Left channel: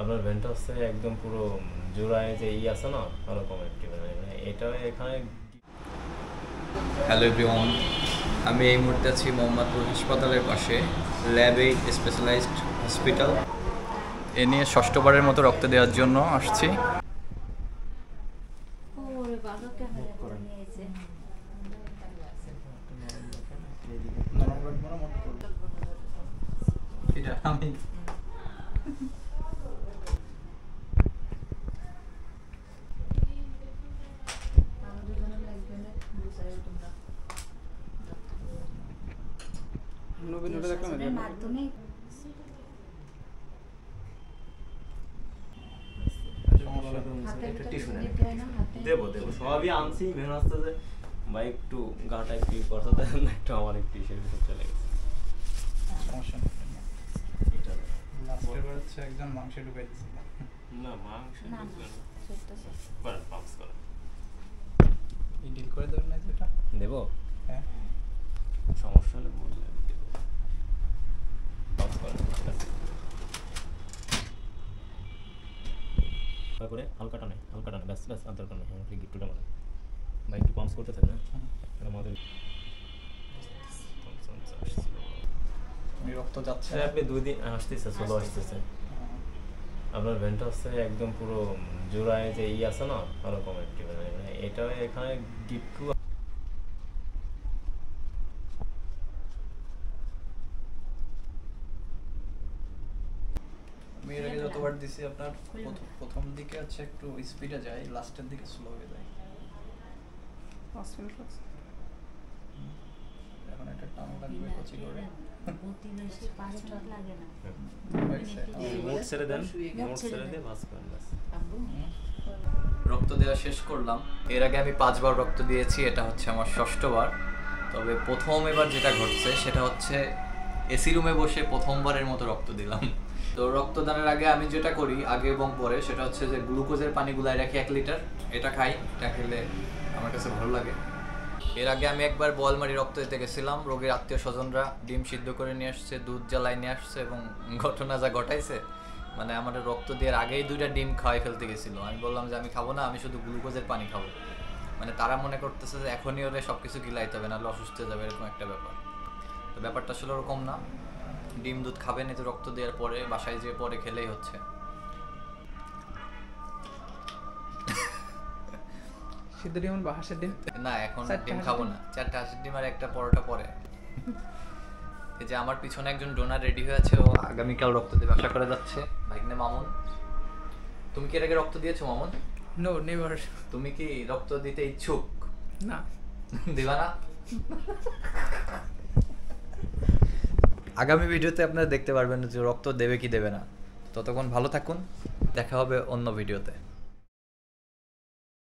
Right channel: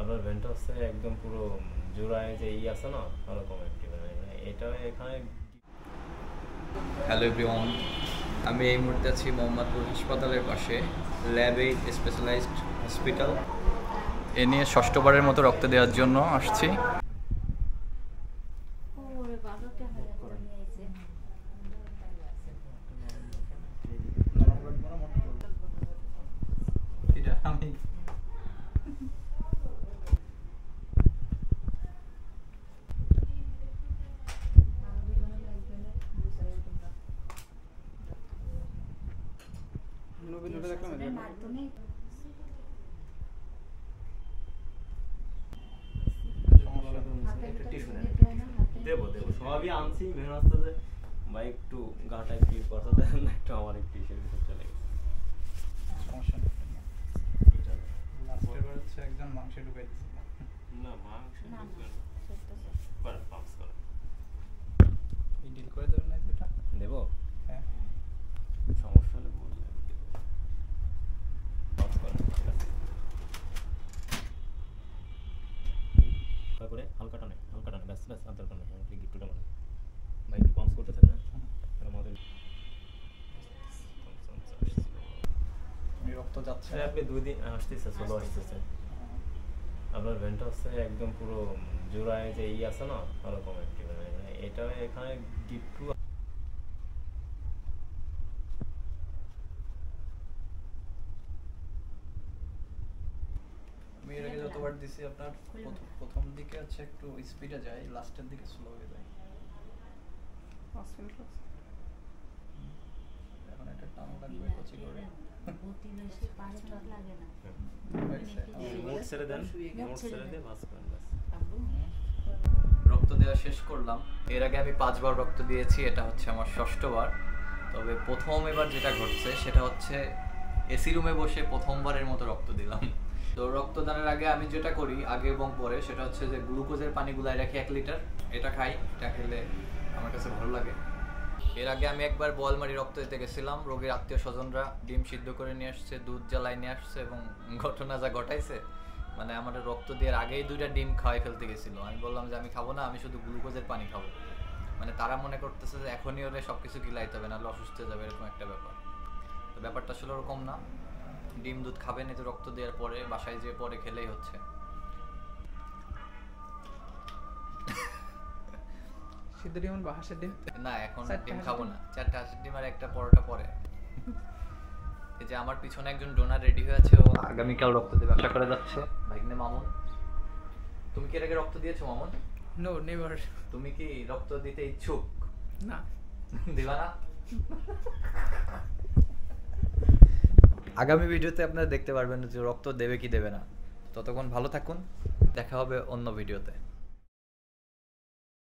আপনার ভেন্টটা হচ্ছে একদম পুরো জোড়ায় যে আছে না ওরকম একটি মানে এটা এখানে। হ্যালো এভরিওয়ান, আমি এই মুহূর্তে আছি মোহাম্মদপুর হাসপাতালের পাশে ল্যাবে স্পেশালাইজড হসপিটাল। এ নিয়ে ষষ্ঠবারের মতো রক্ত দেওয়ার জন্য আসছি। আমি দেবো সবই আনছি, মেন হচ্ছে যে ভাই একটু গাটা একটু করতে দেন না, একটু আমার একটু ইসের ভিতর চলে গেছে। সমস্যা নেই, লাস্টের বার হচ্ছে একজন মাংস ঢুকাই দিয়েছিল। না মাংস ঢুকবে না, করেন পাম্পস করেন। এই ডিল করে দেবেন না যেটা দেবো? হ্যাঁ, সমস্যা হলে বললে দেবো। পাম্পস করেন, ঠিক আছে। করে হালকা টানে ব্যাস ব্যাস, আর দরকার নেই। আমার গিফটটা মানে ভাই একটু পাম্পস করতে থাকেন। এটা আমাদের রক্ত যাচ্ছে। আপনি 2 দিন আসতেছে, চলো আসতেছে। আপনার ভেন্টটা হচ্ছে একদম পুরো জোড়ায় যে আছে না ওরকম একটি মানে এটা এখানে গিট্টু। আমি এর আগে যতবার দিছি আপনার প্রথম দিকে হচ্ছে একটু স্পিডে যায়, লাস্টের দিকে স্লো হয়ে যায়। এখন একটা টান লাগবে কচি করে। অতি বেশি পাঁচ মিনিট লাগে না। মোট ছেড়ে দেন, মোট ছেড়ে দিয়ে ভাঁজ করেন ব্যাস। রক্ত দেওয়া শেষ করলাম। এর আগে আমি 5 বার রক্ত দিয়েছি, এটা হচ্ছে আমার ষষ্ঠবার। তবে প্রথম এবার যেটা ঘটছে সেটা হচ্ছে এসি রুমে বসে প্রথমবারের মতো রক্ত দিলাম। তো রক্তদানের আগে আমি যেটা করি আগে এবং পরে সেটা হচ্ছে যে গ্লুকোজের পানি গুলায় রাখি 1 লিটার, এটা খাই। এটা খেলে আমার কাছে ভালো লাগে। এর আগে আমি একবার বোয়ালমারি রক্ত দিতে গেছিলাম। রোগীর আত্মীয় স্বজনরা ডিম সিদ্ধ করে নিয়ে আসছে, দুধ জ্বালায় নিয়ে আসছে, এবং ঘটনা যা ঘটাইছে মানে আমার রক্ত দেওয়ার আগেই 2টা ডিম খাওয়াই ফেলতে গেছিলো। আমি বললাম যে আমি খাবো না, আমি শুধু গ্লুকোজের পানি খাবো। মানে তারা মনে করতেছে যে এখনই ওরে সব কিছু গিলাইতে হবে, নাহলে অসুস্থ হয়ে যাবে, এরকম একটা ব্যাপার। তো ব্যাপারটা আসলে ওরকম না। ডিম দুধ খাবেন, এতে রক্ত দেওয়ার পরে বাসায় যেয়ে পরে খেলেই হচ্ছে। সিদ্ধ ডিম বা হাঁসের ডিম? না, এখন 4টা ডিম হাঁসের খাবো ডিম? না। 4টা হাঁসের ডিম আর একটা পরোটা পরে। এই যে আমার পিছনে একজন ডোনার রেডি হয়ে আছে, ও আগামীকাল রক্ত দেবে আশা করে যাচ্ছে। ভাগ্নে মামুন, তুমি কি এর আগে রক্ত দিয়েছো মামুন? No, never. তুমি কি রক্ত দিতে ইচ্ছুক? না। দিবা না? আগামী ভিডিওতে আপনারা দেখতে পারবেন যে রক্ত দেবে কি দেবে না। ততক্ষণ ভালো থাকুন, দেখা হবে অন্য ভিডিওতে।